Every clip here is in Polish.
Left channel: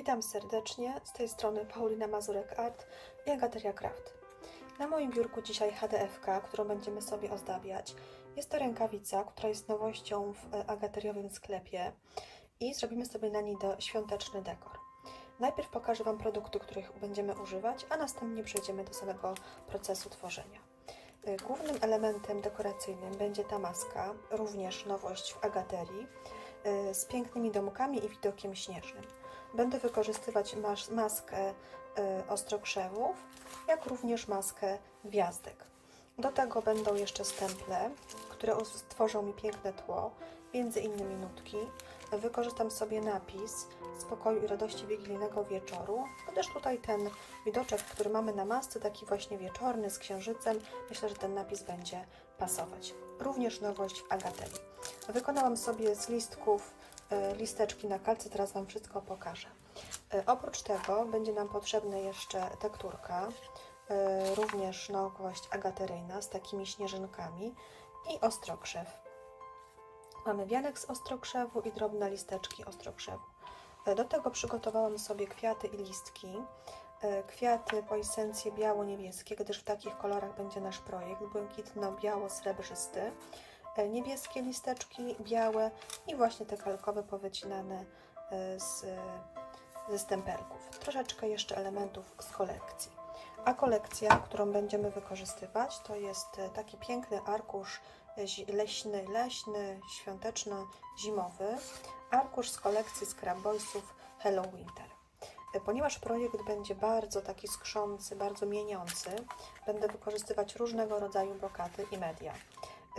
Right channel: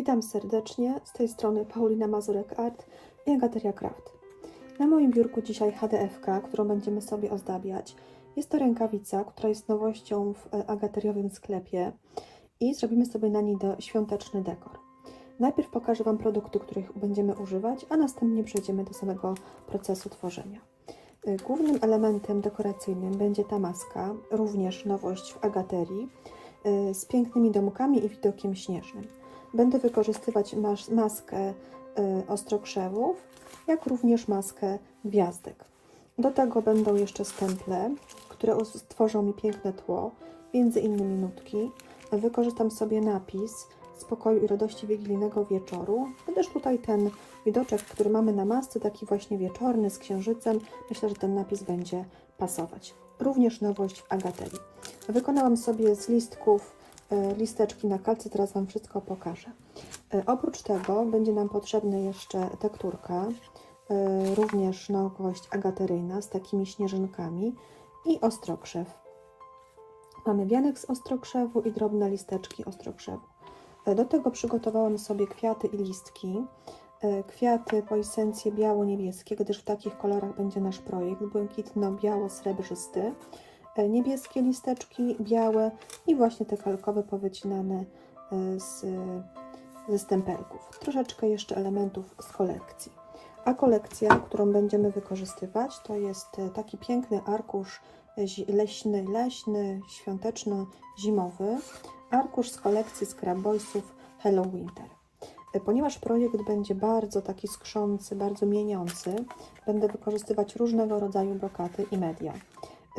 Witam serdecznie, z tej strony Paulina Mazurek Art i Agateria Craft. Na moim biurku dzisiaj HDFK, którą będziemy sobie ozdabiać. Jest to rękawica, która jest nowością w e, agateriowym sklepie i zrobimy sobie na niej do świąteczny dekor. Najpierw pokażę Wam produkty, których będziemy używać, a następnie przejdziemy do samego procesu tworzenia. Y, Głównym elementem dekoracyjnym będzie ta maska, również nowość w agaterii, y, z pięknymi domkami i widokiem śnieżnym. Będę wykorzystywać mas- maskę y, ostrokrzewów, jak również maskę gwiazdek. Do tego będą jeszcze stemple, które stworzą mi piękne tło, między innymi nutki. Wykorzystam sobie napis spokoju i radości wigilijnego wieczoru, gdyż tutaj ten widoczek, który mamy na masce, taki właśnie wieczorny z księżycem, myślę, że ten napis będzie pasować. Również nowość w agaterii. Wykonałam sobie z listków e, listeczki na kalce, teraz Wam wszystko pokażę. E, Oprócz tego będzie nam potrzebna jeszcze tekturka, e, również nowość agateryjna z takimi śnieżynkami i ostrokrzew. Mamy wianek z ostrokrzewu i drobne listeczki ostrokrzewu. E, Do tego przygotowałam sobie kwiaty i listki. E, Kwiaty po esencję biało-niebieskie, gdyż w takich kolorach będzie nasz projekt. Błękitno-biało-srebrzysty. E, Niebieskie listeczki, białe i właśnie te kalkowe powycinane e, z, ze stempelków. Troszeczkę jeszcze elementów z kolekcji. A kolekcja, którą będziemy wykorzystywać, to jest e, taki piękny arkusz leśny, leśny, świąteczno-zimowy. Arkusz z kolekcji Scrap Boysów Hello Winter. Ponieważ projekt będzie bardzo taki skrzący, bardzo mieniący, będę wykorzystywać różnego rodzaju brokaty i media.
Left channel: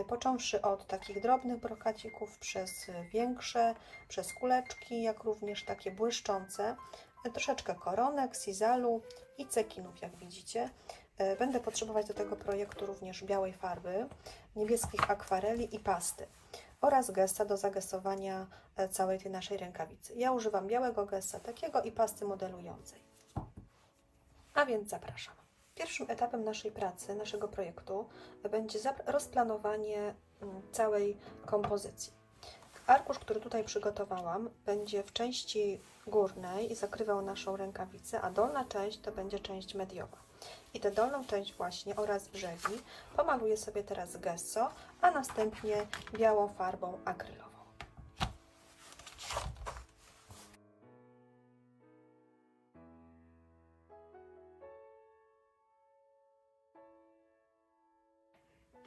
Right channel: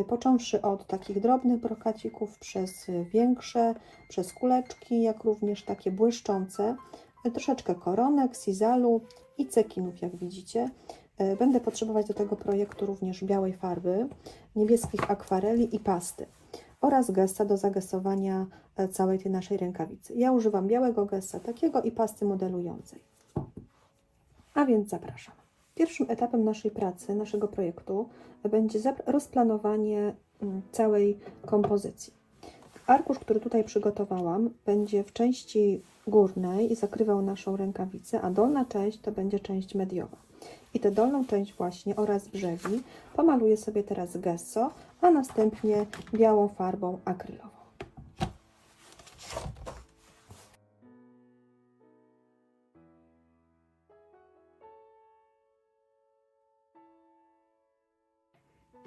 Począwszy od takich drobnych brokacików, przez większe, przez kuleczki, jak również takie błyszczące, e, troszeczkę koronek, sizalu i cekinów, jak widzicie. E, Będę potrzebować do tego projektu również białej farby, niebieskich akwareli i pasty oraz gesta do zagesowania e, całej tej naszej rękawicy. Ja używam białego gesta takiego i pasty modelującej. A więc zapraszam. Pierwszym etapem naszej pracy, naszego projektu będzie rozplanowanie mm, całej kompozycji. Arkusz, który tutaj przygotowałam, będzie w części górnej i zakrywał naszą rękawicę, a dolna część to będzie część mediowa. I tę dolną część właśnie oraz brzegi pomaluję sobie teraz gesso, a następnie białą farbą akrylową.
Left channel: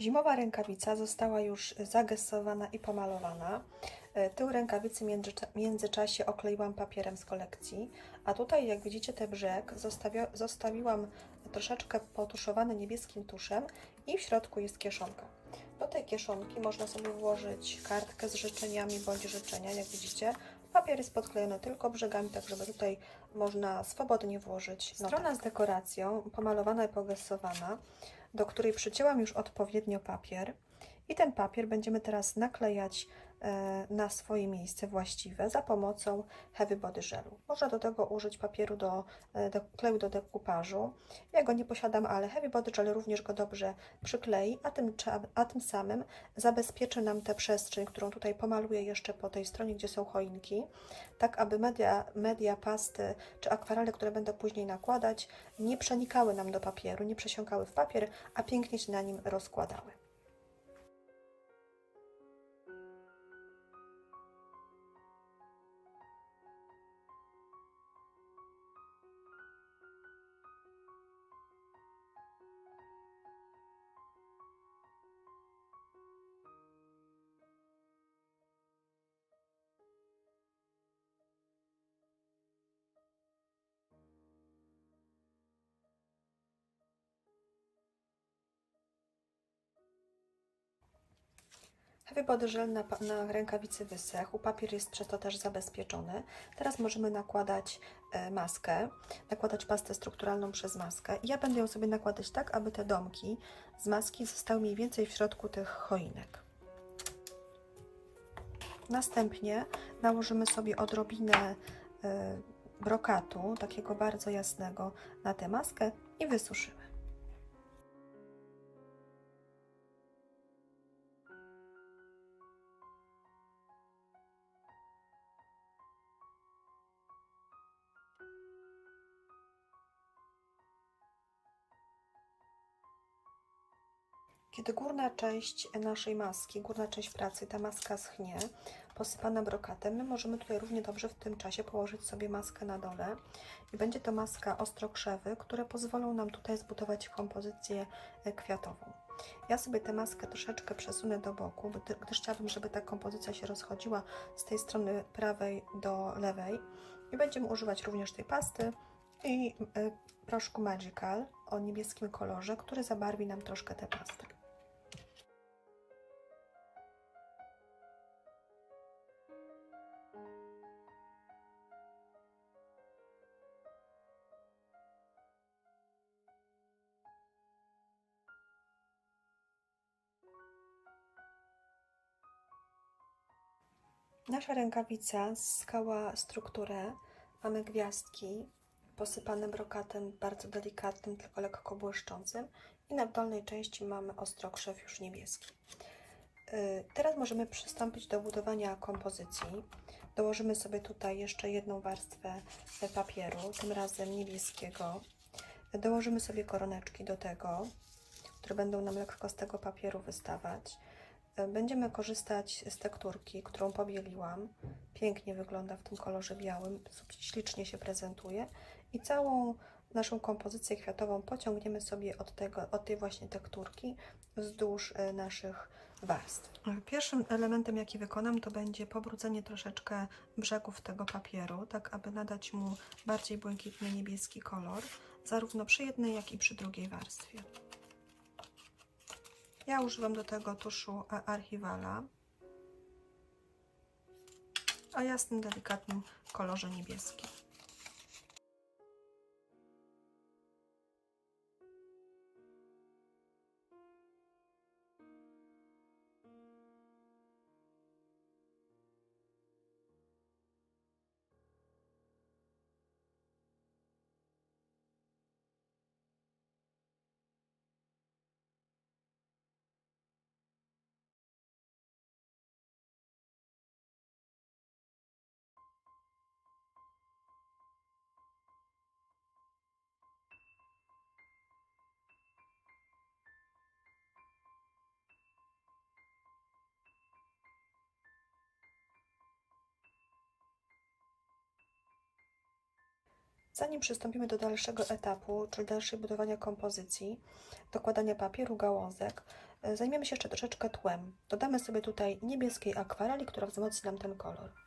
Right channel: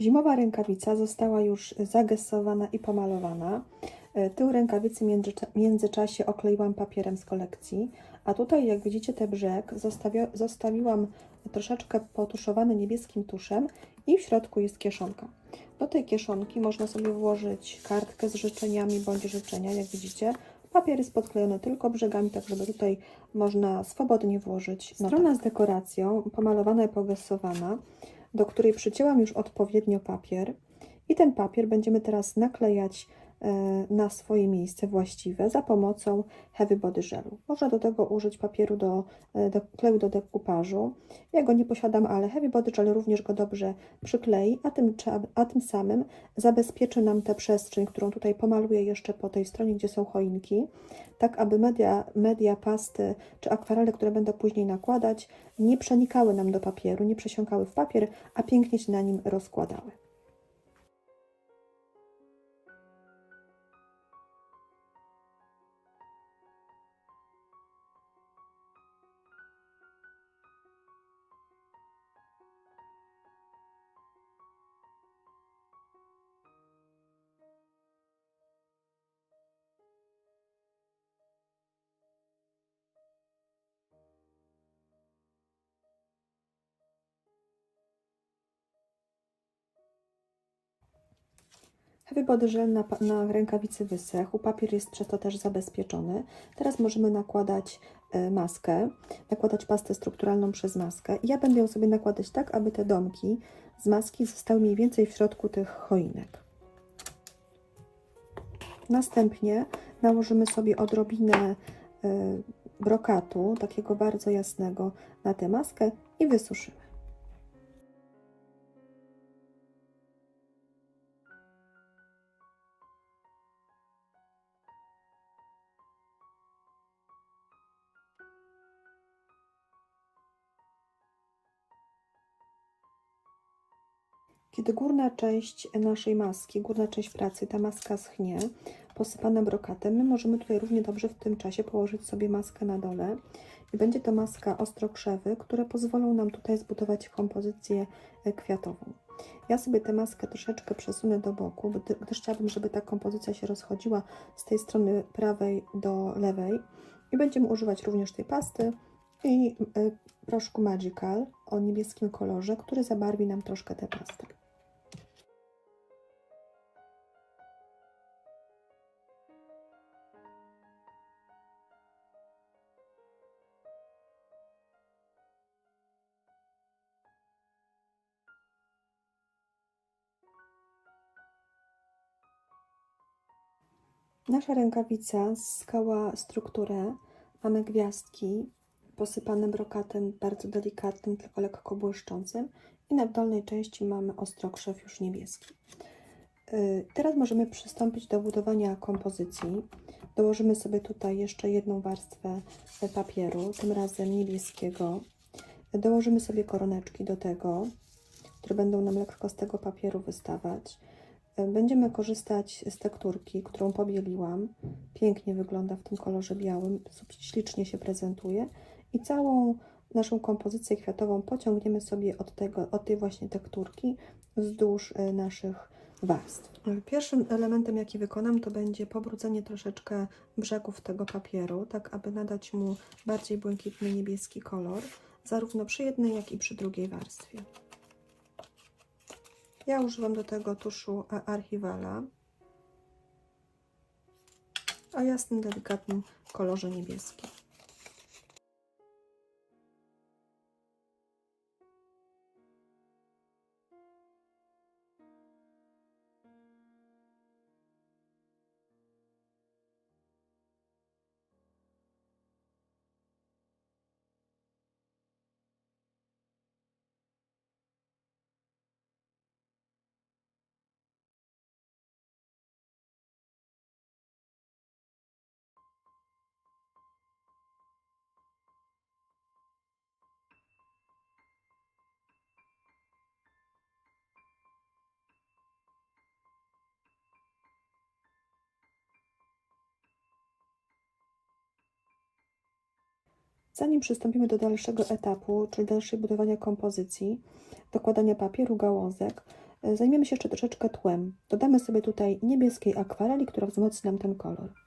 Zimowa rękawica została już zagesowana i pomalowana. E, Tył rękawicy w międzycza- międzyczasie okleiłam papierem z kolekcji, a tutaj jak widzicie ten brzeg zostawiłam troszeczkę potuszowany niebieskim tuszem i w środku jest kieszonka. Do tej kieszonki można sobie włożyć kartkę z życzeniami bądź życzenia, jak widzicie. Papier jest podklejony tylko brzegami, tak żeby tutaj można swobodnie włożyć. Strona z dekoracją, pomalowana i pogesowana, do której przycięłam już odpowiednio papier. I ten papier będziemy teraz naklejać na swoje miejsce właściwe za pomocą Heavy Body Gelu. Można do tego użyć papieru do, e, do kleju do dekupażu. Ja go nie posiadam, ale Heavy Body Gel również go dobrze przyklei, a tym, a tym samym zabezpieczy nam tę przestrzeń, którą tutaj pomaluję jeszcze po tej stronie, gdzie są choinki, tak aby media, media pasty czy akwarele, które będę później nakładać, nie przenikały nam do papieru, nie przesiąkały w papier, a pięknie się na nim rozkładały. Heavy Body Gel na, na rękawicy wysechł, papier jest przez to też zabezpieczony. Teraz możemy nakładać e, maskę, nakładać pastę strukturalną przez maskę. Ja będę ją sobie nakładać tak, aby te domki z maski zostały mniej więcej w środku tych choinek. Następnie nałożymy sobie odrobinę e, brokatu, takiego bardzo jasnego, na tę maskę i wysuszymy. Kiedy górna część naszej maski, górna część pracy, ta maska schnie, posypana brokatem, my możemy tutaj równie dobrze w tym czasie położyć sobie maskę na dole i będzie to maska ostrokrzewy, które pozwolą nam tutaj zbudować kompozycję e, kwiatową. Ja sobie tę maskę troszeczkę przesunę do boku, gdy- gdyż chciałabym, żeby ta kompozycja się rozchodziła z tej strony prawej do lewej i będziemy używać również tej pasty i e, proszku Magical o niebieskim kolorze, który zabarwi nam troszkę tę pastę. Nasza rękawica zyskała strukturę. Mamy gwiazdki posypane brokatem bardzo delikatnym, tylko lekko błyszczącym i na dolnej części mamy ostrokrzew już niebieski. Y, Teraz możemy przystąpić do budowania kompozycji. Dołożymy sobie tutaj jeszcze jedną warstwę papieru, tym razem niebieskiego. Dołożymy sobie koroneczki do tego, które będą nam lekko z tego papieru wystawać. Będziemy korzystać z tekturki, którą pobieliłam. Pięknie wygląda w tym kolorze białym, ślicznie się prezentuje. I całą naszą kompozycję kwiatową pociągniemy sobie od, tego, od tej właśnie tekturki wzdłuż e, naszych warstw. E, Pierwszym elementem, jaki wykonam, to będzie pobrudzenie troszeczkę brzegów tego papieru, tak aby nadać mu bardziej błękitny niebieski kolor, zarówno przy jednej, jak i przy drugiej warstwie. Ja używam do tego tuszu a- Archivala o jasnym, delikatnym kolorze niebieskim. Zanim przystąpimy do dalszego etapu, czyli dalszej budowania kompozycji, dokładania papieru, gałązek, e, zajmiemy się jeszcze troszeczkę tłem. Dodamy sobie tutaj niebieskiej akwareli, która wzmocni nam ten kolor.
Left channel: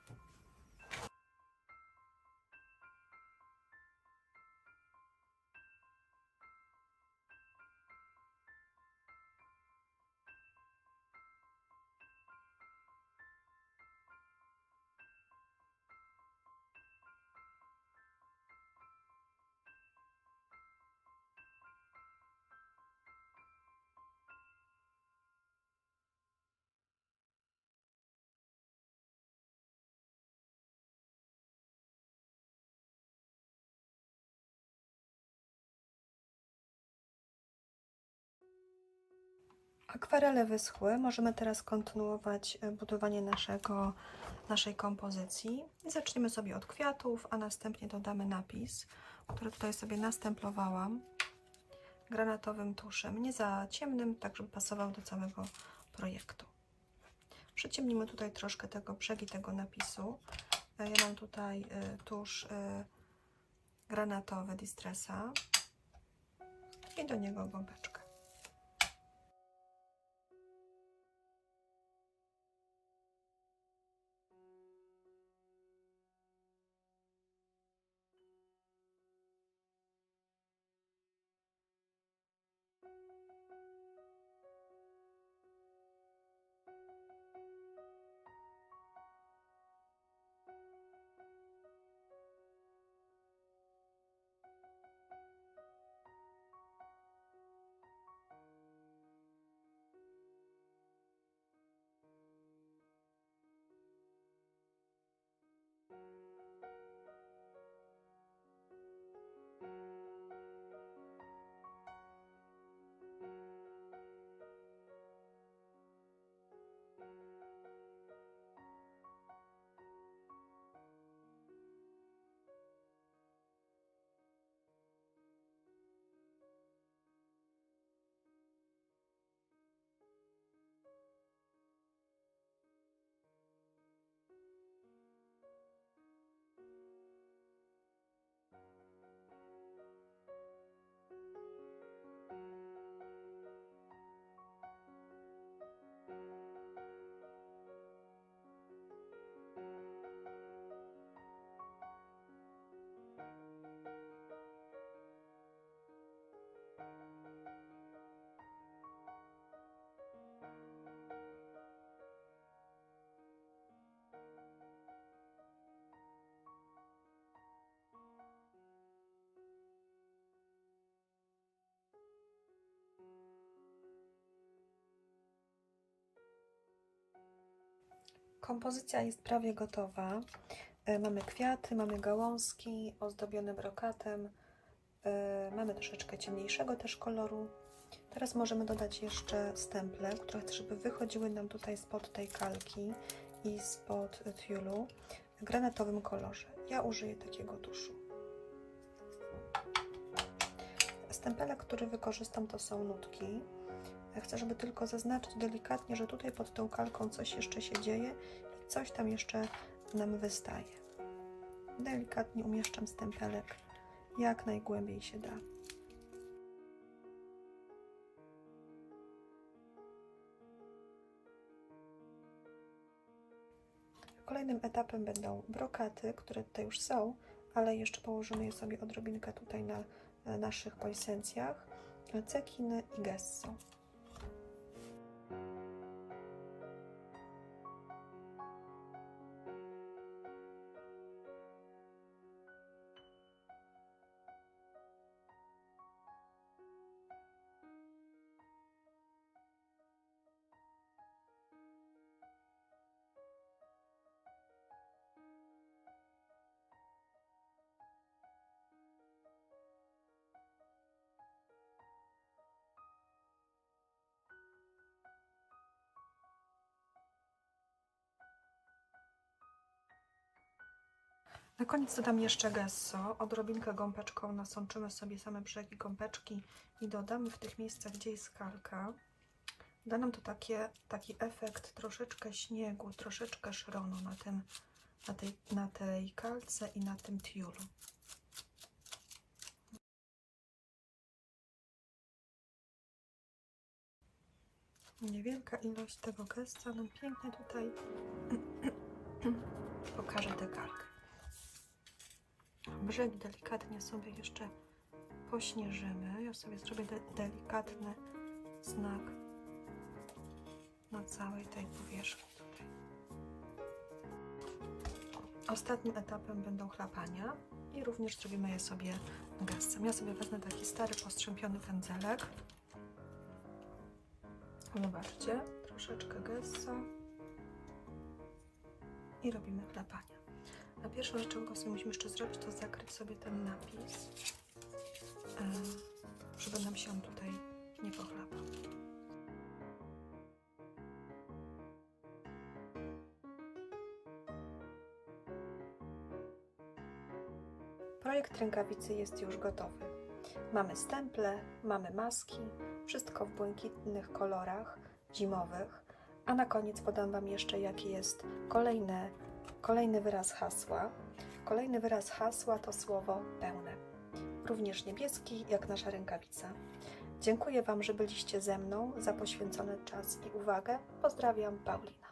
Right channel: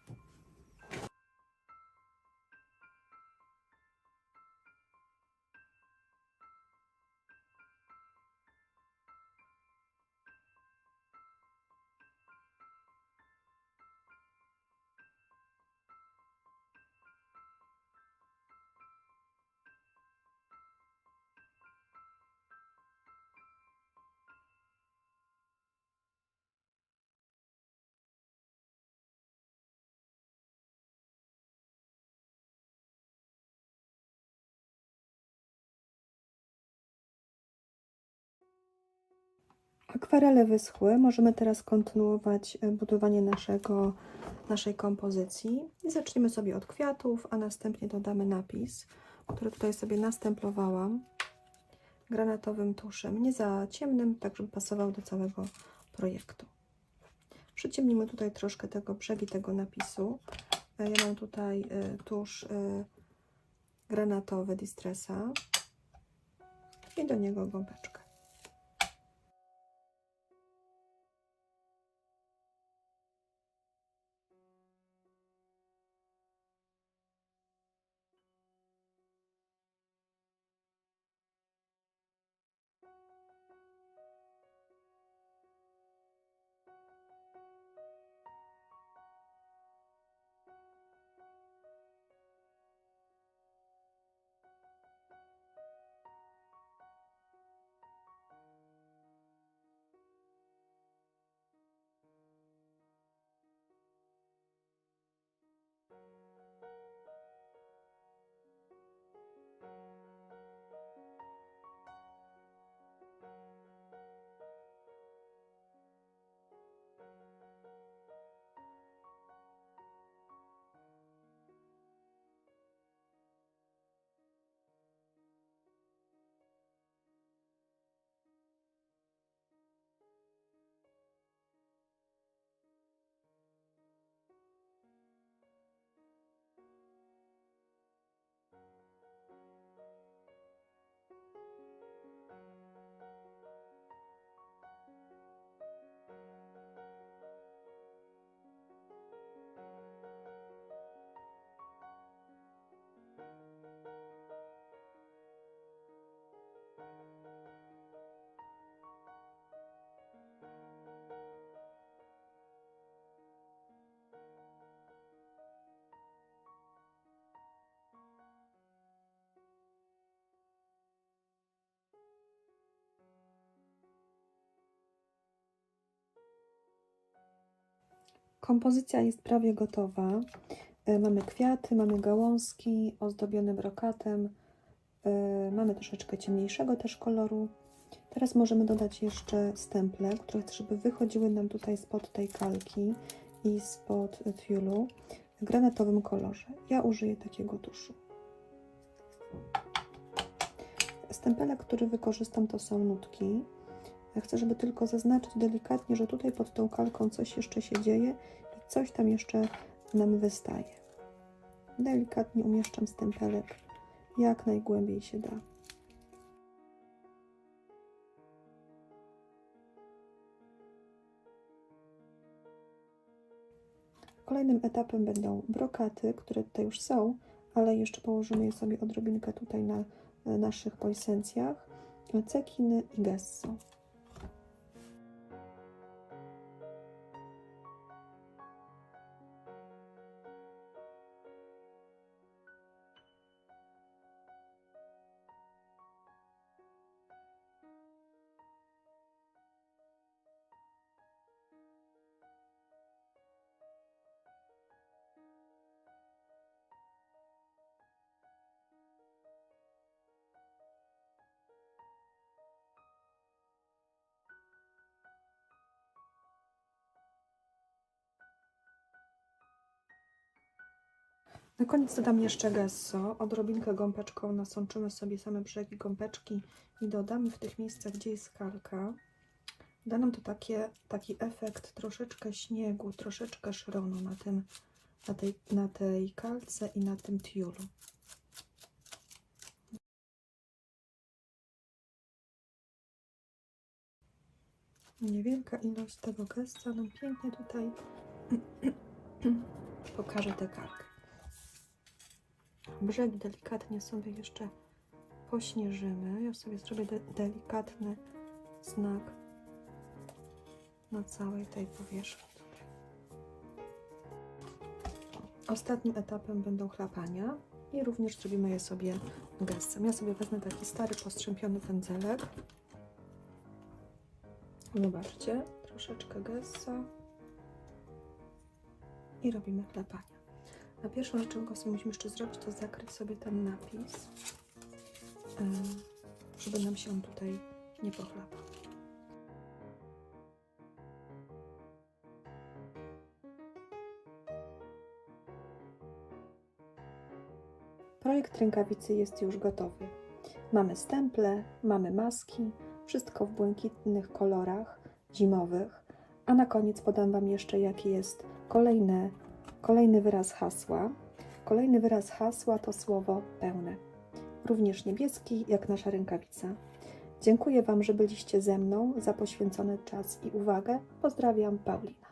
Akwarele wyschły. Możemy teraz kontynuować e, budowanie naszego, naszej kompozycji. Zaczniemy sobie od kwiatów, a następnie dodamy napis, który tutaj sobie nastemplowałam granatowym tuszem. Nie za ciemnym, tak żeby pasował do całego projektu. Przyciemnimy tutaj troszkę tego brzegi tego napisu. E, Ja mam tutaj e, tusz granatowy Distressa i do niego gąbeczkę. Kompozycja jest prawie gotowa. E, Mamy kwiaty, mamy gałązki ozdobione brokatem. E, Mamy troszeczkę ciemniejszego też koloru. Teraz możemy dodać jeszcze stemple, które chcę, żeby wychodziły nam tutaj spod tej kalki i spod tiulu w granatowym kolorze. Ja użyję takiego tuszu. Stempelek, który wykorzystam, to są nutki. Ja chcę, żeby tylko zaznaczyć delikatnie, że tutaj pod tą kalką coś jeszcze się dzieje i coś tam jeszcze nam wystaje. Delikatnie umieszczam stempelek jak najgłębiej się da. Kolejnym etapem będą brokaty, które tutaj już są, ale jeszcze położymy je sobie odrobinkę tutaj na e, naszych poisencjach, cekiny i gesso. Na koniec dodam jeszcze gesso. Odrobinkę gąbeczką nasączymy sobie same brzegi gąbeczki i dodamy w tych miejscach, gdzie jest kalka. Da nam to takie, taki efekt troszeczkę śniegu, troszeczkę szronu na, tym, na, tej, na tej kalce i na tym tiulu. Niewielka ilość tego gesta nam pięknie tutaj pokaże tę kalkę. Brzegi delikatnie sobie jeszcze pośnieżymy. Ja sobie zrobię de delikatny znak na całej tej powierzchni tutaj. Ostatnim etapem będą chlapania i również zrobimy je sobie gestem. Ja sobie wezmę taki stary, postrzępiony pędzelek. Zobaczcie, troszeczkę gessa i robimy chlapania. A pierwszą rzeczą, jaką sobie musimy jeszcze zrobić, to zakryć sobie ten napis, e, żeby nam się on tutaj nie pochlapał. Projekt rękawicy jest już gotowy. Mamy stemple, mamy maski, wszystko w błękitnych kolorach zimowych, a na koniec podam Wam jeszcze, jaki jest kolejny, kolejny wyraz hasła. Kolejny wyraz hasła to słowo pełne, również niebieski, jak nasza rękawica. Dziękuję Wam, że byliście ze mną za poświęcony czas i uwagę. Pozdrawiam, Paulina.